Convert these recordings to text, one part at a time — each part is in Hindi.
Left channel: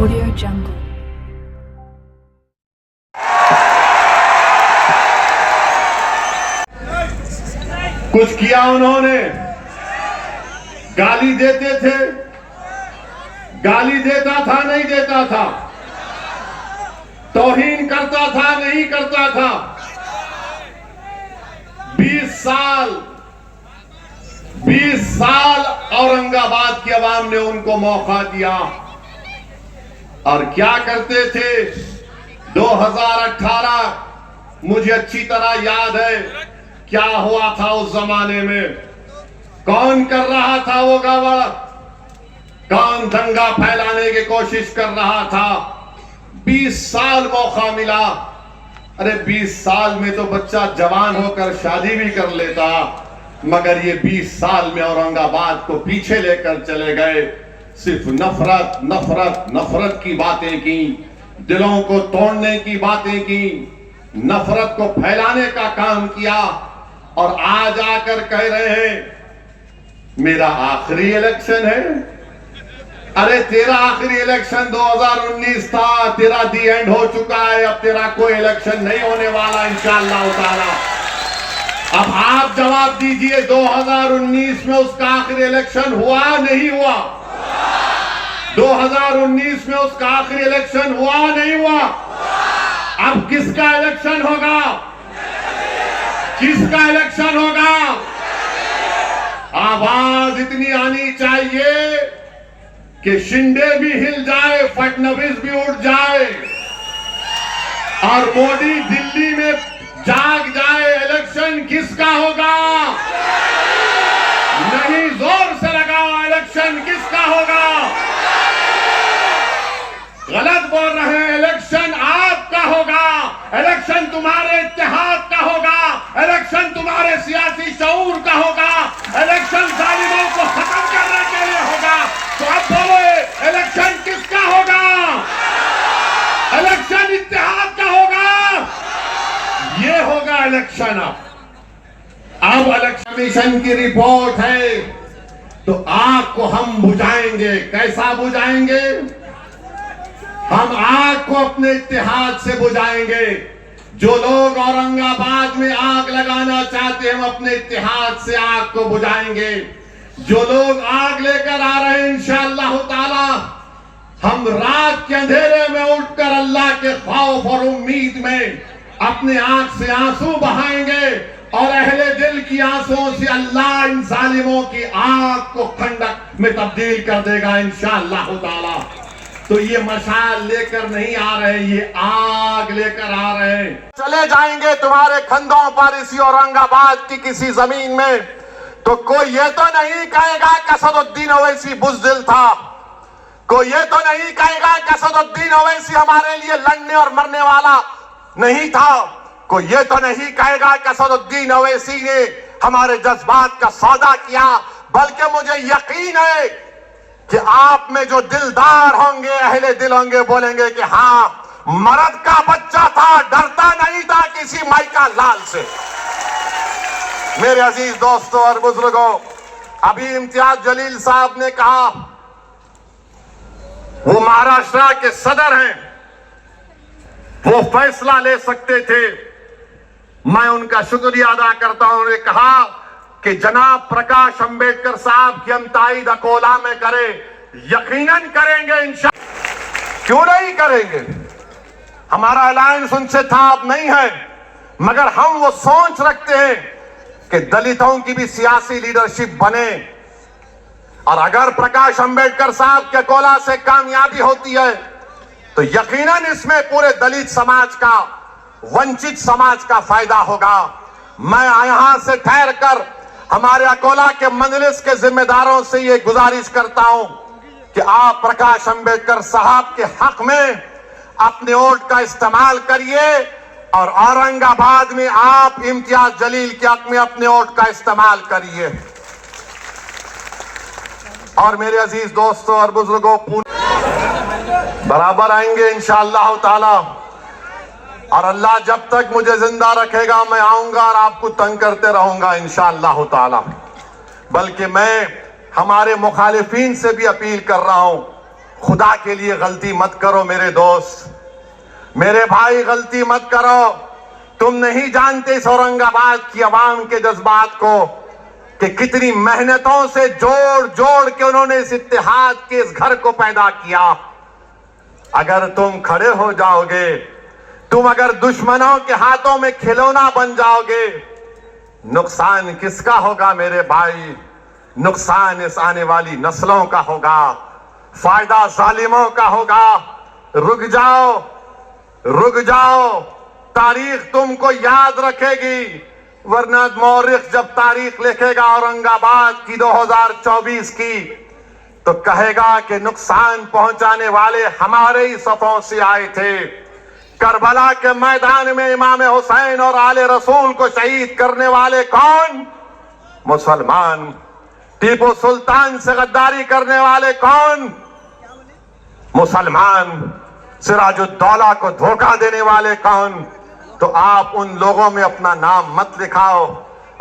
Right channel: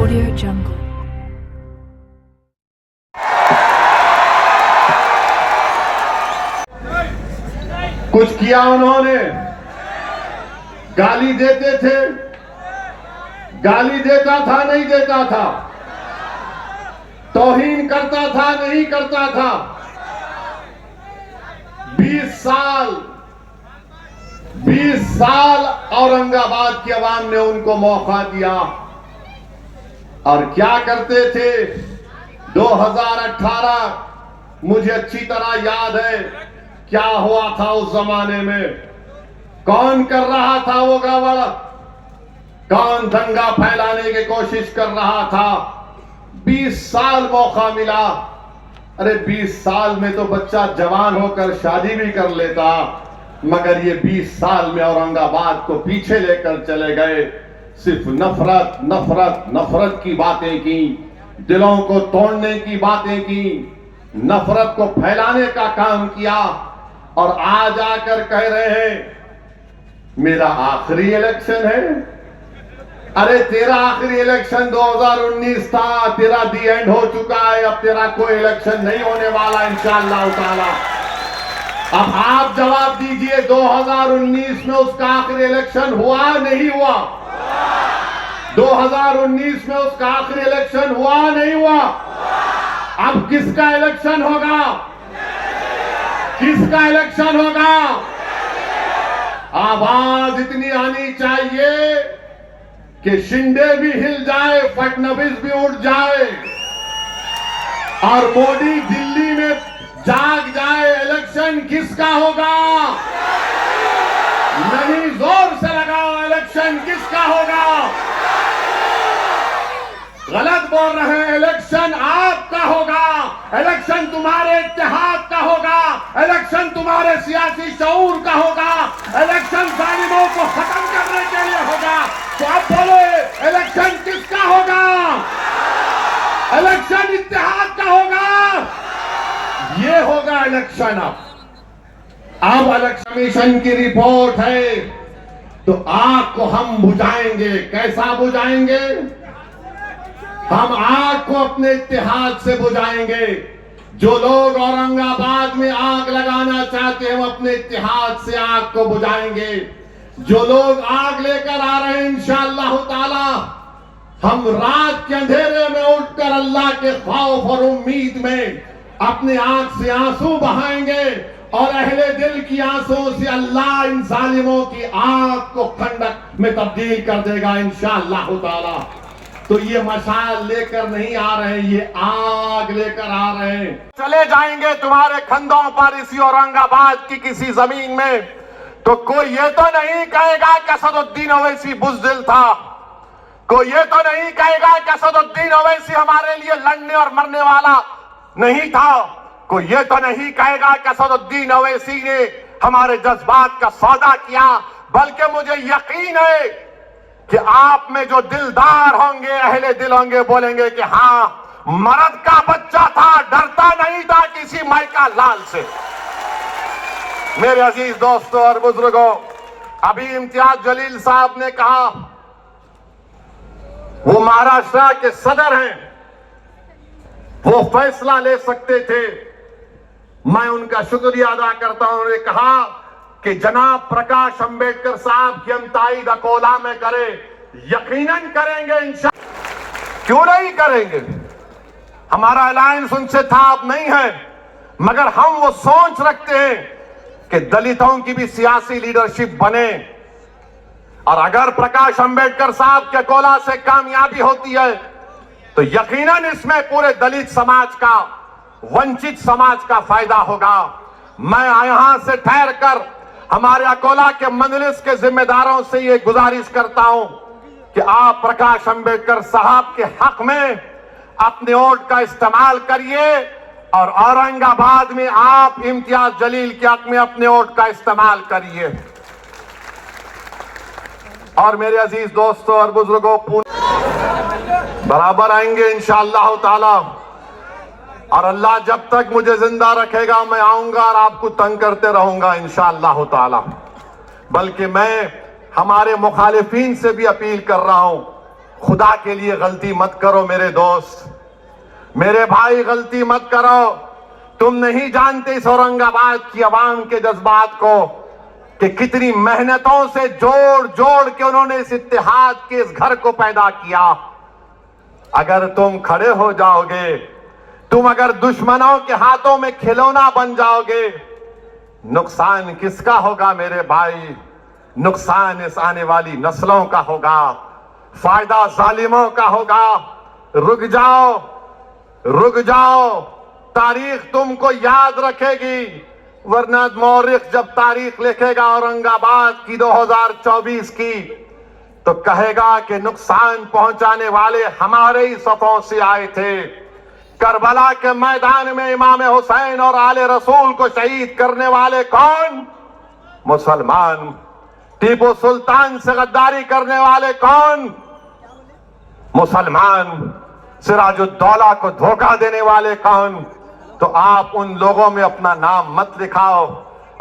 Audio Jungle. कुछ किया उन्होंने, गाली देते थे, गाली देता था नहीं देता था, तौहीन करता था नहीं करता था। 20 साल औरंगाबाद की आवाम ने उनको मौका दिया और क्या करते थे। 2018 मुझे अच्छी तरह याद है क्या हुआ था उस जमाने में, कौन कर रहा था वो गड़बड़, कौन दंगा फैलाने की कोशिश कर रहा था। 20 साल मौका मिला। अरे 20 साल में तो बच्चा जवान होकर शादी भी कर लेता, मगर ये 20 साल में औरंगाबाद को पीछे लेकर चले गए। सिर्फ नफरत नफरत नफरत की बातें की, दिलों को तोड़ने की बातें की, नफरत को फैलाने का काम किया और आज आकर कह रहे हैं मेरा आखिरी इलेक्शन है। अरे तेरा आखिरी इलेक्शन 2019 था, तेरा दी एंड हो चुका है, अब तेरा कोई इलेक्शन नहीं होने वाला इंशाअल्लाह ताला। अब आप जवाब दीजिए 2019 में उसका आखिरी इलेक्शन हुआ नहीं हुआ? 2019 में उसका आखिरी इलेक्शन हुआ नहीं हुआ? अब किसका इलेक्शन होगा? किसका इलेक्शन होगा? आवाज इतनी आनी चाहिए कि शिंदे भी हिल जाए, फडणवीस भी उठ जाए और मोदी दिल्ली में जाग जाए। इलेक्शन किसका होगा? नहीं, जोर से लगाओ, इलेक्शन किसका होगा? गलत बोल रहे हैं, इलेक्शन आपका होगा, इलेक्शन तुम्हारे इत्तेहाद का होगा, इलेक्शन तुम्हारे सियासी शऊर का होगा, इलेक्शन जालिमों को खत्म करने के लिए होगा। तो अब बोलो इलेक्शन किसका होगा? इलेक्शन इत्तेहाद का होगा। ये होगा इलेक्शन। अब इलेक्शन कमीशन की रिपोर्ट है तो आग को हम बुझाएंगे। कैसा बुझाएंगे? हम आग को अपने इत्तेहाद से बुझाएंगे। जो लोग औरंगाबाद में आग लगाना चाहते हैं हम अपने इत्तेहाद से आग को बुझाएंगे। जो लोग आग लेकर आ रहे हैं इंशाअल्लाह ताला हम रात के अंधेरे में उठकर अल्लाह के खौफ और उम्मीद में अपने आंख से आंसू बहाएंगे और अहले दिल की आंसुओं से अल्लाह इन जालिमों की आग को खंडक में तब्दील कर देगा इंशाअल्लाह ताला। तो ये मशाल लेकर नहीं आ रहे, ये आग लेकर आ रहे हैं। चले जाएंगे तुम्हारे खंडों पर इसी औरंगाबाद की किसी जमीन में तो कोई ये तो नहीं कहेगा कि असदुद्दीन ओवैसी बुज़दिल था। कोई ये तो नहीं कहेगा कि असदुद्दीन ओवैसी हमारे लिए लड़ने और मरने वाला नहीं था। कोई ये तो नहीं कहेगा कि असदुद्दीन ओवैसी ने हमारे जज्बात का सौदा किया। बल्कि मुझे यकीन है कि आप में जो दिलदार होंगे, अहले दिल होंगे, बोलेंगे कि हाँ, मर्द का बच्चा था, डरता नहीं था किसी माइका लाल से। मेरे अजीज दोस्तों और बुजुर्गों, अभी इम्तियाज जलील साहब ने कहा, वो महाराष्ट्र के सदर हैं, वो फैसला ले सकते थे। मैं उनका शुक्रिया अदा करता हूं। उन्होंने कहा कि जनाब प्रकाश अंबेडकर साहब की हम ताईद अकोला में करें, यकीनन करेंगे इंशाअल्लाह। क्यों नहीं करेंगे? हमारा अलायंस उनसे था, अब नहीं है, मगर हम वो सोच रखते हैं कि दलितों की भी सियासी लीडरशिप बने। और अगर प्रकाश अंबेडकर साहब के अकोला से कामयाबी होती है तो यकीनन इसमें पूरे दलित समाज का, वंचित समाज का फायदा होगा। मैं यहां से ठहर कर हमारे अकोला के मजलिस के जिम्मेदारों से ये गुजारिश करता हूं कि आप प्रकाश अंबेडकर साहब के हक में अपने वोट का इस्तेमाल करिए और औरंगाबाद में आप इम्तियाज जलील के हक में अपने वोट का इस्तेमाल करिए। और मेरे अजीज दोस्तों और बुजुर्गों, बराबर आएंगे इंशाअल्लाह ताला। और अल्लाह जब तक मुझे जिंदा रखेगा मैं आऊंगा और आपको तंग करते रहूंगा इंशाअल्लाह ताला। बल्कि मैं हमारे मुखालिफिन से भी अपील कर रहा हूं, खुदा के लिए गलती मत करो मेरे दोस्त, मेरे भाई, गलती मत करो। तुम नहीं जानते इस औरंगाबाद की आवाम के जज्बात को कि कितनी मेहनतों से जोड़ जोड़ के उन्होंने इस इत्तेहाद के इस घर को पैदा किया। अगर तुम खड़े हो जाओगे, तुम अगर दुश्मनों के हाथों में खिलौना बन जाओगे, नुकसान किसका होगा मेरे भाई? नुकसान इस आने वाली नस्लों का होगा, फायदा जालिमों का होगा। रुक जाओ, रुक जाओ, तारीख तुमको याद रखेगी। वरना मौरिख जब तारीख लिखेगा औरंगाबाद की 2024 की, तो कहेगा कि नुकसान पहुंचाने वाले हमारे ही सफों से आए थे। करबला के मैदान में इमाम हुसैन और आले रसूल को शहीद करने वाले कौन? मुसलमान। टीपू सुल्तान से गद्दारी करने वाले कौन? मुसलमान। सिराजुद्दौला को धोखा देने वाले कौन? तो आप उन लोगों में अपना नाम मत लिखाओ।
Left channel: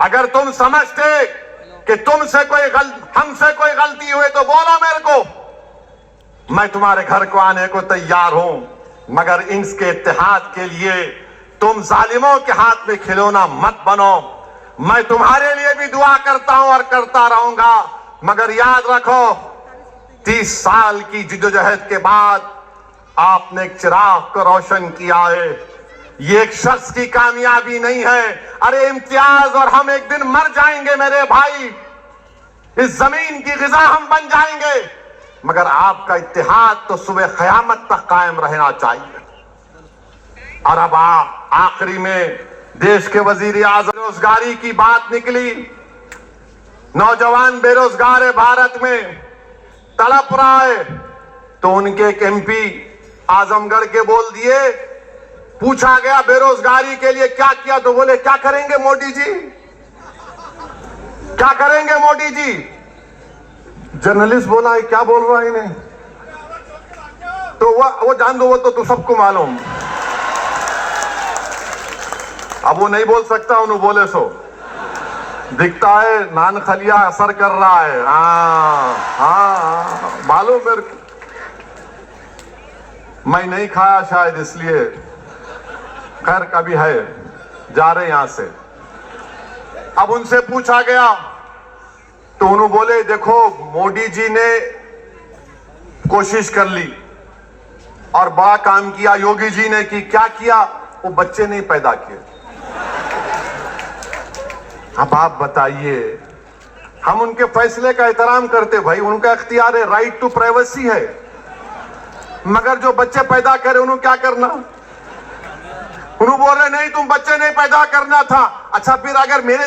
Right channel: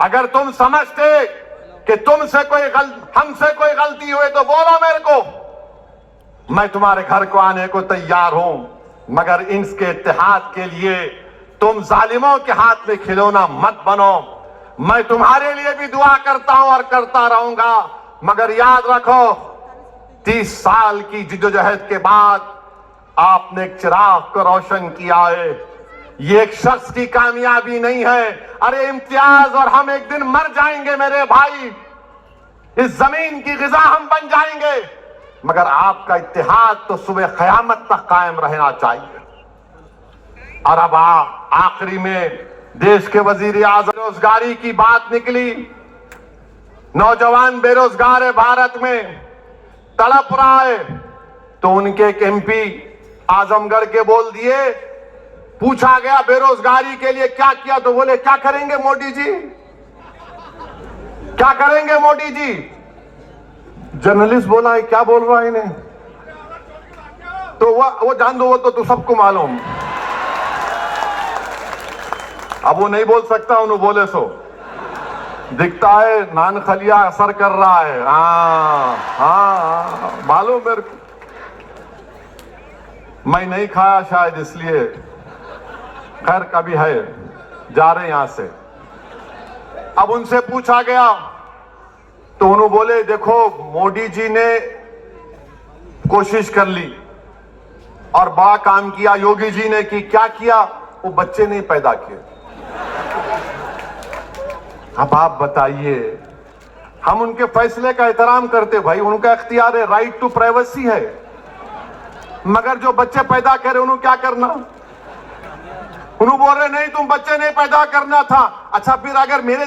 अगर तुम समझते कि हमसे कोई गलती हुई तो बोलो मेरे को, मैं तुम्हारे घर को आने को तैयार हूं। मगर इसके इत्तेहाद के लिए तुम जालिमों के हाथ में खिलौना मत बनो। मैं तुम्हारे लिए भी दुआ करता हूं और करता रहूंगा। मगर याद रखो, 30 साल की जिद्दोजहद के बाद आपने एक चिराग को रोशन किया है। ये एक शख्स की कामयाबी नहीं है। अरे इम्तियाज और हम एक दिन मर जाएंगे मेरे भाई, इस जमीन की गिजा हम बन जाएंगे, मगर आपका इत्तेहाद तो सुबह क़यामत तक कायम रहना चाहिए। और अब आखिरी में देश के वजीर आज़म, बेरोजगारी की बात निकली। नौजवान बेरोजगार है भारत में, तड़प रहा है। तो उनके एक एमपी आजमगढ़ के बोल दिए, पूछा गया बेरोजगारी के लिए क्या किया, तो बोले क्या करेंगे मोदी जी, क्या करेंगे मोदी जी। जर्नलिस्ट बोला है क्या बोल रहा है इन्हें, तो वो जान दो, वो तो सबको मालूम। अब वो नहीं बोल सकता, उन्होंने बोले सो दिखता है नान खलिया असर कर रहा है। हाँ मालूम मेरे को, मैं नहीं खाया शायद इसलिए। खैर कभी है, जा रहे यहां से। अब उनसे पूछा गया तो उन्होंने बोले देखो मोदी जी ने कोशिश कर ली और बड़ा काम किया, योगी जी ने की क्या किया, वो बच्चे नहीं पैदा किए। अब आप बताइए, हम उनके फैसले का एहतराम करते भाई, उनका इख्तियार है, राइट टू प्राइवेसी है। मगर जो बच्चे पैदा करे उन्होंने क्या करना? उन्होंने बोल रहे नहीं तुम बच्चे नहीं पैदा करना था। अच्छा फिर अगर मेरे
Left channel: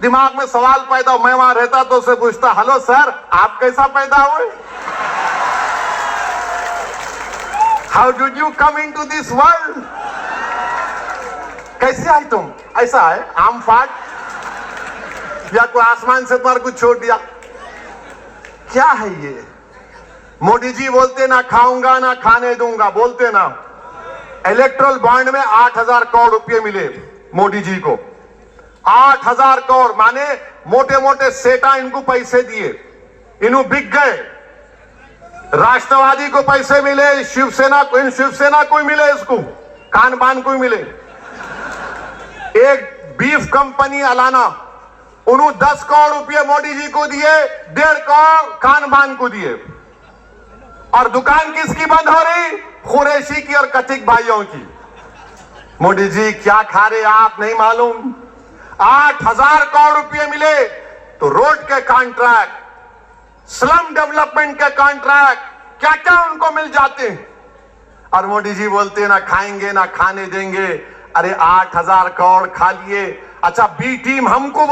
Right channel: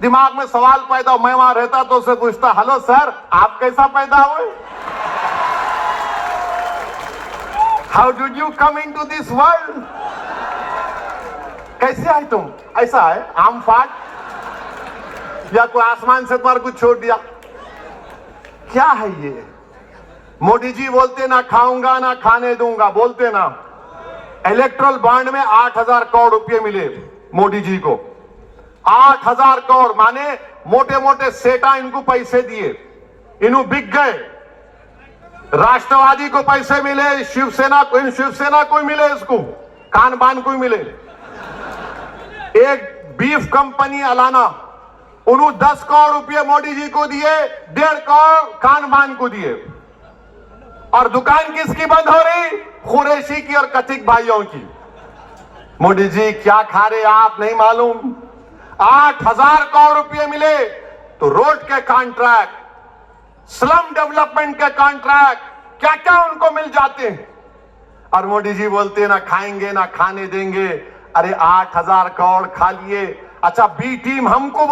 दिमाग में सवाल पैदा हो, मैं वहां रहता तो उससे पूछता, हेलो सर आप कैसा पैदा हुए? How did you come into this world? कैसे आए तुम? ऐसा है आम फाट, या कोई आसमान से तुम्हारा कुछ छोड़ दिया? क्या है ये? मोदी जी बोलते ना खाऊंगा ना खाने दूंगा, बोलते ना। इलेक्ट्रल बॉन्ड में 8,000 करोड़ रुपए मिले मोदी जी को। 8,000 करोड़ माने मोटे मोटे सेठा इनको पैसे दिए, इन्हों बिक गए। राष्ट्रवादी को पैसे मिले, शिवसेना को मिले, इसको कान बान को मिले। एक बीफ कंपनी अलाना, उन्होंने 10 करोड़ रुपए मोदी जी को दिए, 1.5 करोड़ कान बान को दिए। और दुकान किसकी बंद हो रही? कुरैशी की और कथिक भाइयों की। मोदी जी क्या खा रहे आप नहीं मालूम। 8,000 करोड़ रुपए मिले तो रोड के कॉन्ट्रैक्ट, स्लम डेवलपमेंट के कॉन्ट्रैक्ट, क्या क्या उनको मिल जाते हैं। और मोदी जी बोलते ना खाएंगे ना खाने देंगे। अरे 8,000 करोड़ खा लिए। अच्छा बी टीम हमको